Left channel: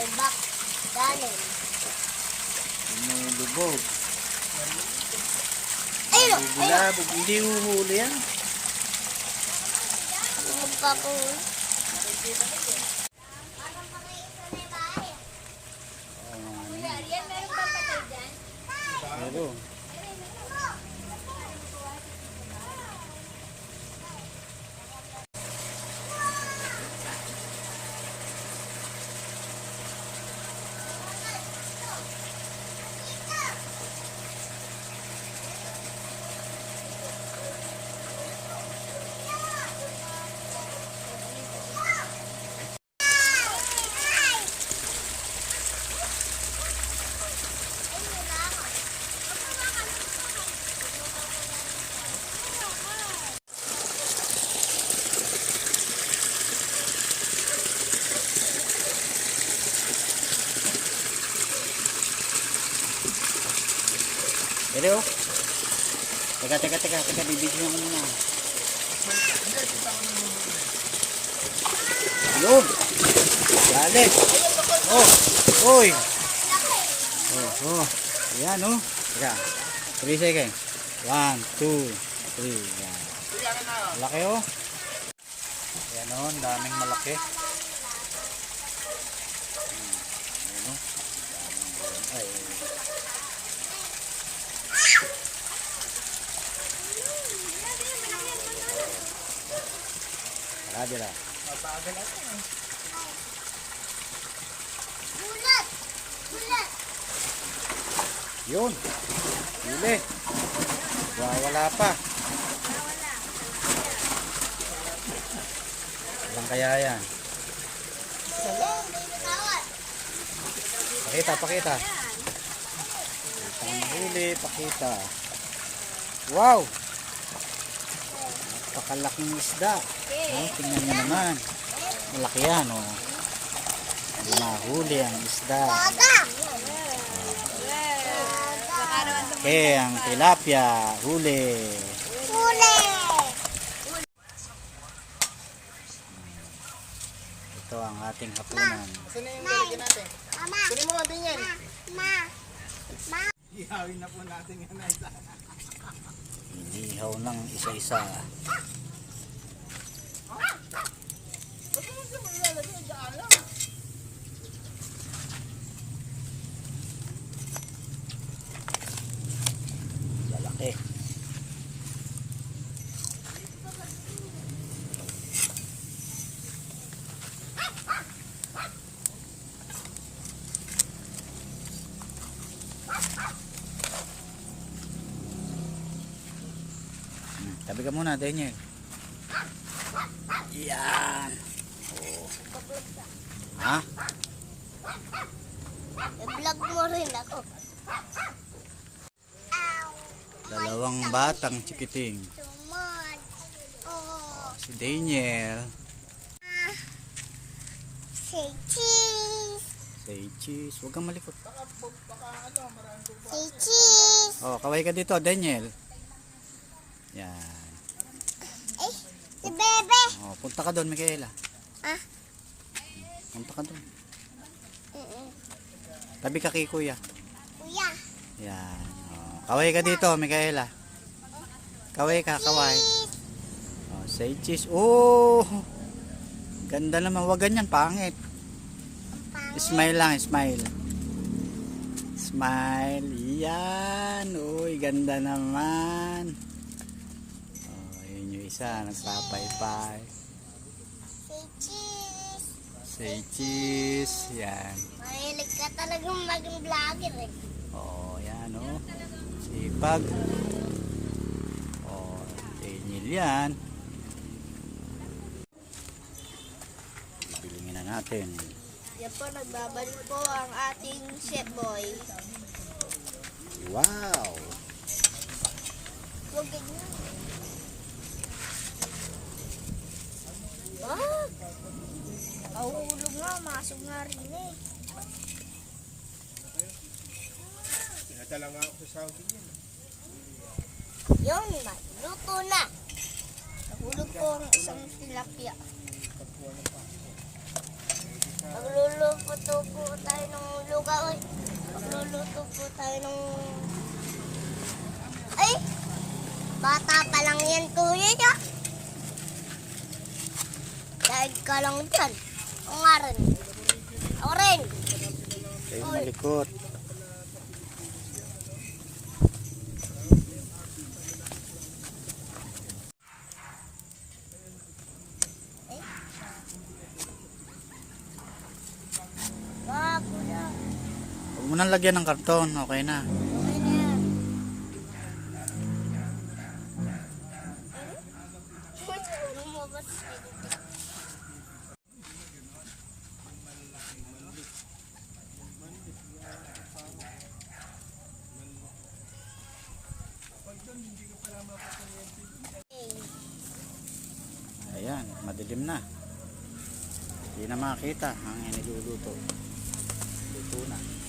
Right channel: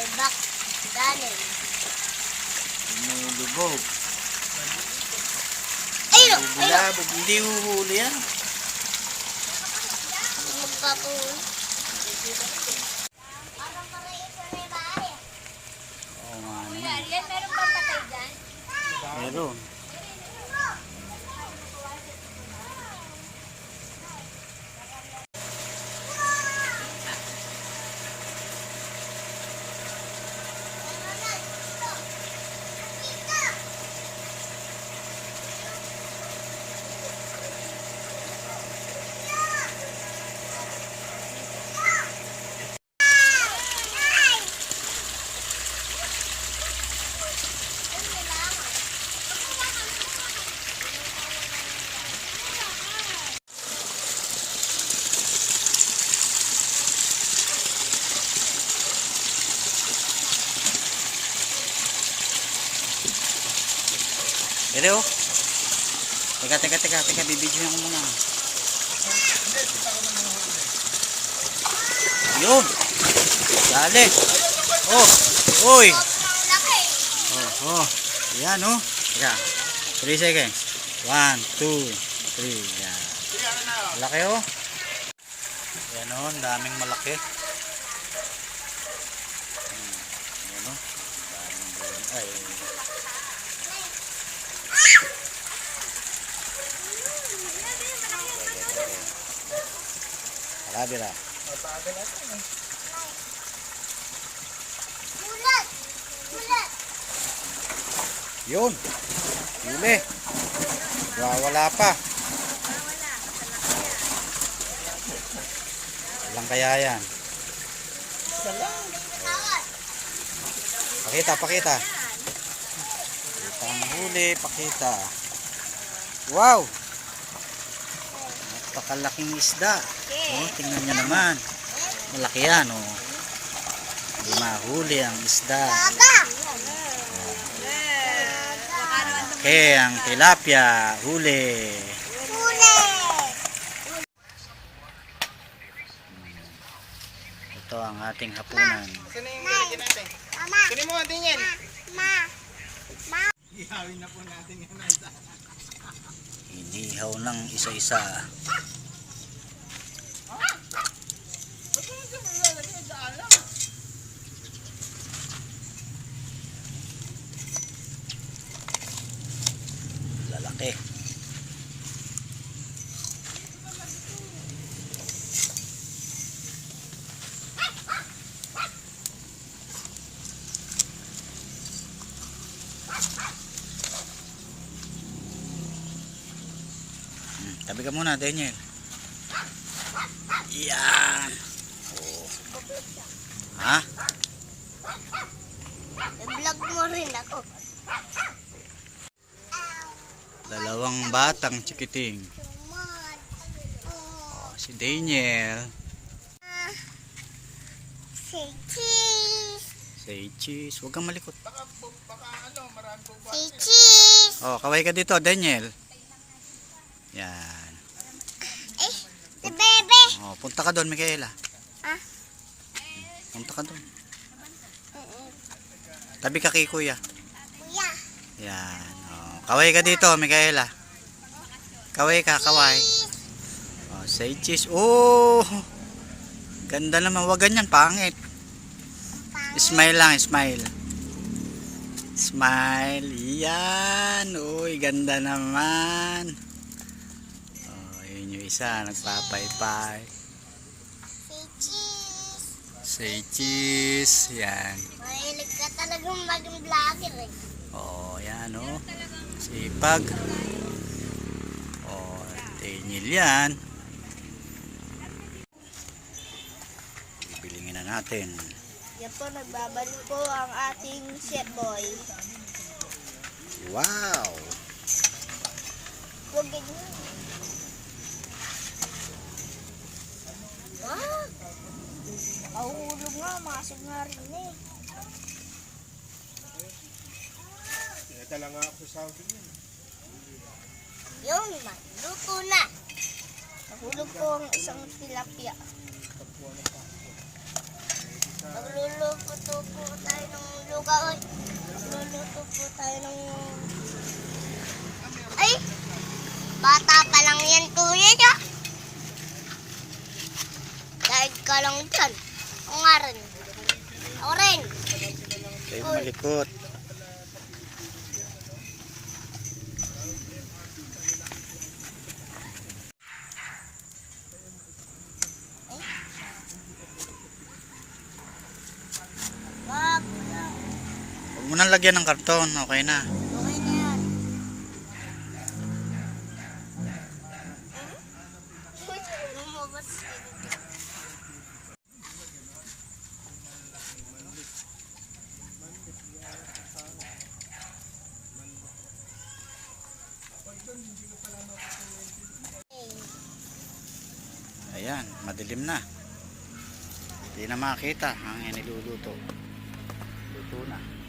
May back. Danin. Lumulubog. Ayun! Ayun! Bulabog. Hindi huhuli yan. Magpapul. Oo nga naman. Yan, meron pa patay dyan? Meron. Pero, teka, bibidyohan ko muna. Yun! Dali! Oh! Uy! Oh! Yan oh! Teka, 3 seconds. 1, 2, 3. Yan. Malaki oh! Yan oh, daming malaki. Yan oh. Daming ay. Bira. Yun. Huli. Wala pa. Walang kaya yan. Pakita. Pakita ang huli. Pakita. Wow! Napakalaking isda. Oh, tingnan nyo naman. Malaki yan, oh. Hindi mahuli ang isda. Okay, ang tilapia. Huli. Ito ang ating hapunan. Sino yung nilagyan natin? Sino mo natin yan? Ihawin na po natin yan. Inihaw ng isa-isa. Lalaki. Tabi ka muna, Daniel. Yan. Oh. Ha? I-vlog mo rin ako. Dalawang batang chikiting. Oh, si Daniel. Say cheese. Say cheese. Huwag kang malikot. Say cheese. Oh, kaway ka dito, Daniel. Yan. Eh, si bebe. Oh, punta ka doon, Micaela. Ah? Punta ka doon. Tabi ka kay kuya. Kuya. Yan. Oh, kaway ka dito, Micaela. Kaway ka, kaway. Oh, say cheese. Oh! Ganda naman. Wag ganyan, pangit. Smile lang, smile. Smile. Yan. Uy, ganda naman. Oh, yun yung isa. Nagpapaypay. Say cheese. Say cheese. Yan. Mahilig ka talagang maging vlogger eh. Oh, yan oh. Sipag. Oh, Daniel yan. Ibilingin na natin. Yan po, nagbabalik po ang ating chef boy. Wow! Huwag ganyan. Ah! Nakahulog nga, masog nga rin eh. Pinadala nga ako sa Saudi yun. Yung luto na. Nahulog po ang isang tilapia. Magluluto po tayo ng lugaw. Magluluto po tayo ng... Ay! Bata pa lang yan, kuya niya. Dahil ka lang dyan. O nga rin. O rin. Kayo malikot. Wag, kuya. Huwag mo nang lagyan ng karton. Okay na. Okay na yan. Lumabas. Ayan, madilim na. Hindi na makita ang iniluluto. Luto na.